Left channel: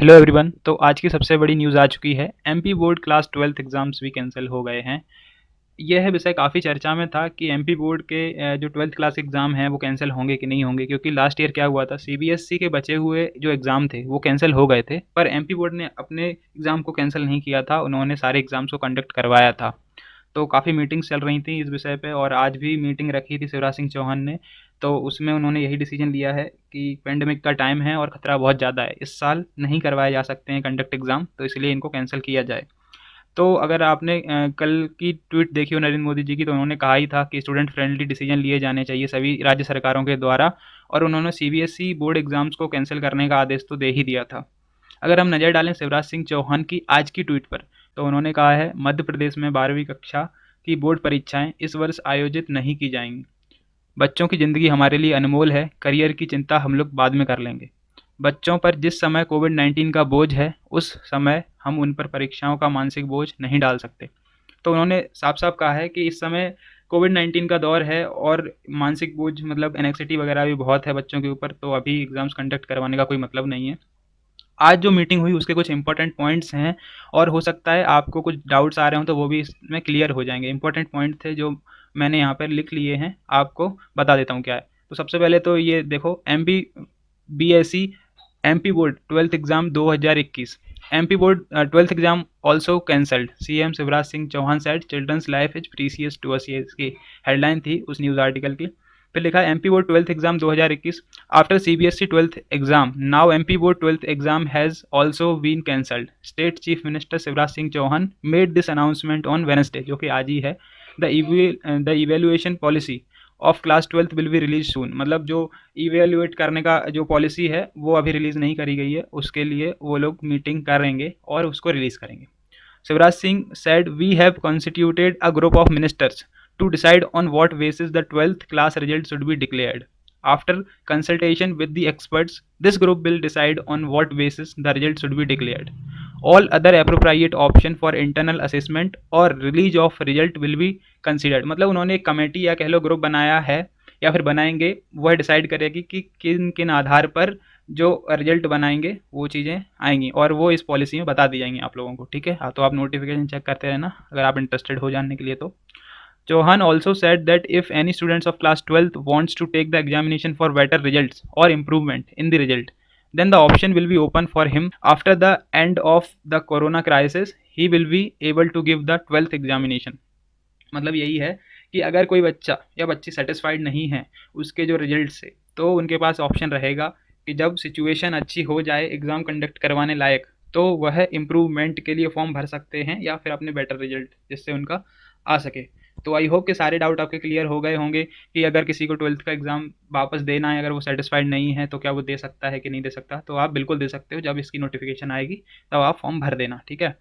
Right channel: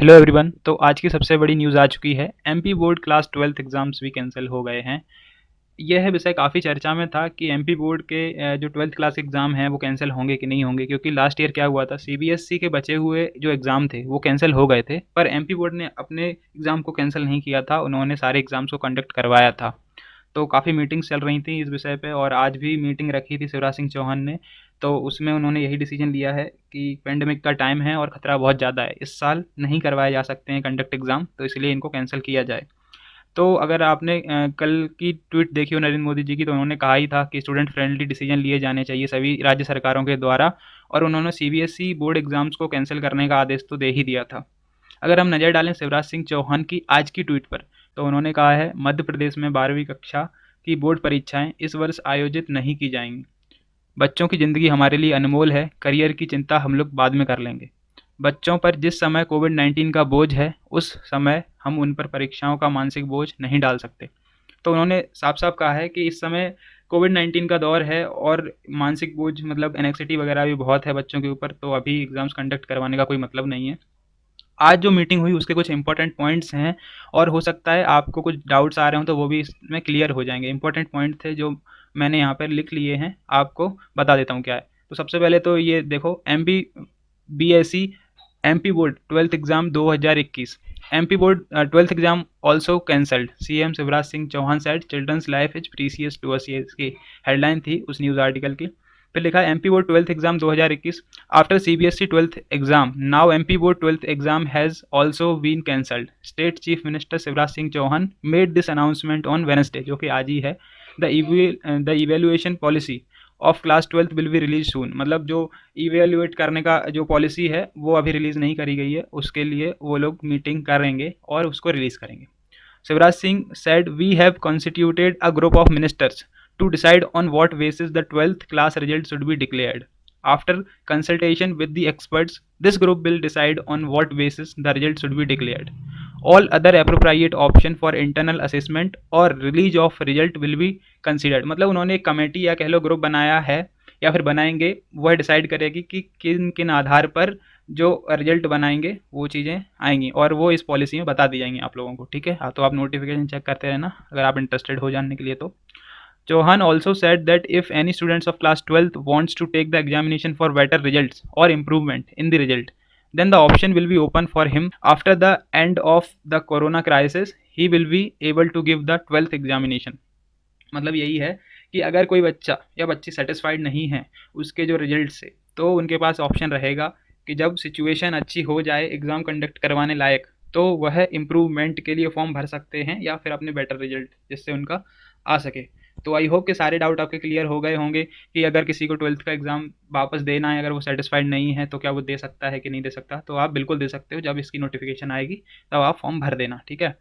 Hello everyone. तो आज की सबसे बड़ी न्यूज़ आ चुकी है। MP board class 12th exams भी कैंसिल हो गए हैं। यह विषय काफ़ी चर्चा में था कि एमपी बोर्ड के जो 12th क्लास एग्ज़ाम हैं वो कैंसिल होंगे कि नहीं होंगे, क्योंकि लास्ट ईयर क्या हुआ था, सीबीएसई के बचे हुए जो एग्ज़ाम थे वो कैंसिल हो गए थे, पर एमपी बोर्ड ने अपने एग्ज़ाम को कैंसिल नहीं किया था। उन्होंने सारे एग्ज़ाम्स को कंडक्ट करवाया था। तो काफ़ी मीटिंग्स चल रही थी इस विषय पे, और आज भी मीटिंग रखी थी शिवराज सिंह चौहान ने। तो उसमें उन्होंने यही डिसीजन लिया है कि पेंडेमिक का टाइम है और ख़तरा बहुत ज़्यादा है, इस साल नहीं करवाए जा सकते हैं कंडक्ट एग्ज़ाम, तो इसलिए इनको कैंसिल किया जाए। तो अगर आपने कल की ट्वीट देखी हो नरेंद्र मोदी जी की, तो उन्होंने कहा ही था कि स्टूडेंट फ्रेंडली डिसीजन लिए जाने चाहिए सभी राज्य सरकारों के द्वारा, और उन्होंने सीबीएसई बोर्ड एग्जाम्स को कैंसिल करने का आदेश तो दे ही दिया था। अगर हम नज़र डालें शिवराज सिंह चौहान की आज की ट्वीट पर, तो उन्होंने कहा है मध्य प्रदेश में 12वीं कक्षा की बोर्ड परीक्षाएं इस वर्ष आयोजित नहीं की जाएंगी। बच्चों की ज़िंदगी हमारे लिए अनमोल है, करियर की चिंता हम लोग बाद में कर लेंगे। बच्चों पर जिस समय कोविड-19 का बोझ है, उस समय हम उन पर परीक्षाओं का मानसिक बोझ नहीं डाल सकते। तो उन्होंने साफ-साफ कहा है कि इस समय कोविड-19 का दौर है और मानसिक बोझ मतलब एंग्ज़ायटी वगैरह भी बहुत है बच्चों के ऊपर, तो अभी एग्ज़ाम्स कंडक्ट करवाने का कोई मतलब नहीं है। आज जो मीटिंग हुई उसके कुछ इंपॉर्टेंट पॉइंट्स हैं, और हो सकता है आपको कुछ डाउट्स आ रहे हों तो वो भी इसमें क्लियर हो जाएंगे। इंपॉर्टेंट पॉइंट थे जो मैंने यहाँ पर लिख लिए हैं, आपको बता देता हूँ क्या है। तो सबसे पहले तो ये देखो, MP MP board 12th exam 2021, MP board 12th exam also cancelled, CM Shivraj Singh Chouhan said children's life is precious to us, की हेडलाइन थी उस न्यूज़ आर्टिकल की। फिर लिखा है MP board 12th exam 2021 after CBSE 12th exam, now MP board 12th exam has also been cancelled, state chief minister Shivraj Singh Chauhan made this announcement on Wednesday, जो कि आज ही है। The evaluation policy of class 12th will be release soon, मतलब जो evaluate करने का जो पॉलिसी है वो अभी रिलीज नहीं करी गई है, उसके लिए वो लोग मीटिंग करेंगे और उसको रिलीज करेंगे। Shivraj Singh said, "We have constituted a group of ministers to decide on what basis the 12th class result should be declared. After consultation with the experts, this group will decide on what basis the result should be declared. All other appropriate option for internal assessment or release of result will be considered." मतलब उन्होंने एक committee या कह लो group बनाया है या फिर बनाएंगे, वह डिसाइड करेगी कि किन किन आधार पर जो रिजल्ट बनाएंगे वो चीज़ें आएंगी, और वो इस पॉलिसी में बता दी जाएंगी आप लोगों को। ठीक है, हाँ, तो आप नोटिफिकेशन चेक करते रहना अगर आप इंटरेस्टेड हो जानने के लिए तो। Chouhan also said that if any students of class 12th wants to take the examination for better results or improvement in the result, then the option will be open for him. After the end of the corona crisis, he will be able to give the 12th examination. मतलब यही है कि अगर कोई बच्चा या बच्ची satisfied नहीं है उसके जो रिजल्ट से, तो उनके पास ऑप्शन रहेगा कि जब सिचुएशन अच्छी हो जाए एग्ज़ाम कंडक्ट करवाने लायक, तो वह इम्प्रूवमेंट के लिए फॉर्म भर सकते हैं या फिर अपने बेटर रिजल्ट जिससे उनका आ सके। तो आई होप कि सारे डाउट आपके क्लियर हो गए होंगे कि अगर किसी को 12th का एग्ज़ाम वापस देना है, अगर वो सेटिस्फाइड नहीं है तो क्या वो दे सकता है कि नहीं दे सकता। तो आप बिल्कुल दे सकते हो, जब इसकी नोटिफिकेशन आएगी तब आप फॉर्म भर देना, ठीक है।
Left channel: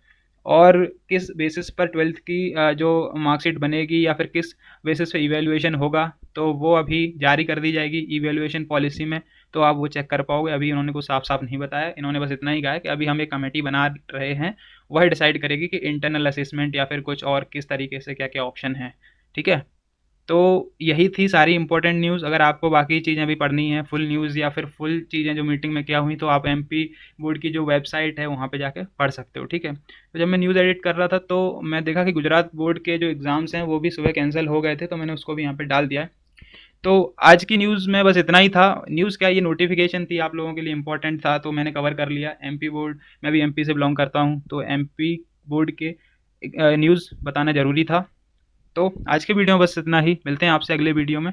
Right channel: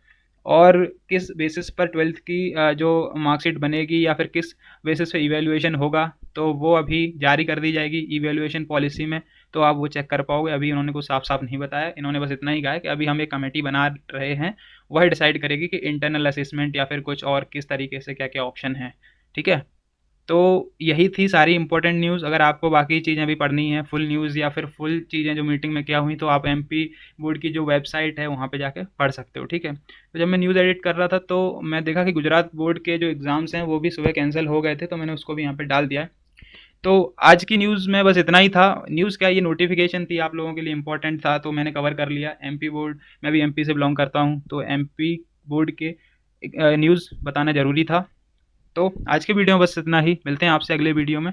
और किस बेसिस पर 12th की जो मार्कशीट बनेगी या फिर किस बेसिस पे इवैल्यूएशन होगा, तो वो अभी जारी कर दी जाएगी इवैल्यूएशन पॉलिसी में, तो आप वो चेक कर पाओगे। अभी इन्होंने कुछ साफ-साफ नहीं बताया, इन्होंने बस इतना ही कहा है कि अभी हम एक कमेटी बना रहे हैं, वह डिसाइड करेगी कि इंटरनल असेसमेंट या फिर कुछ और किस तरीके से क्या-क्या ऑप्शन है, ठीक है? तो यही थी सारी इंपॉर्टेंट न्यूज़। अगर आपको बाकी चीज़ें भी पढ़नी है, फुल न्यूज़ या फिर फुल चीज़ें जो मीटिंग में क्या हुई, तो आप एमपी बोर्ड की जो वेबसाइट है वहाँ पे जाके पढ़ सकते हो, ठीक है। तो जब मैं न्यूज़ एडिट कर रहा था तो मैं देखा कि गुजरात बोर्ड के जो एग्ज़ाम्स हैं वो भी सुबह कैंसिल हो गए थे, तो मैंने उसको भी यहाँ पे डाल दिया है। तो आज की न्यूज़ में बस इतना ही था। न्यूज़ क्या, ये नोटिफिकेशन थी, आप लोगों के लिए इंपॉर्टेंट था तो मैंने कवर कर लिया। एमपी बोर्ड, मैं भी एमपी से बिलोंग करता हूँ, तो एमपी बोर्ड के न्यूज़ बताना ज़रूरी था। तो आज के वीडियो में बस इतना ही, मिलते हैं आपसे अगले वीडियो में।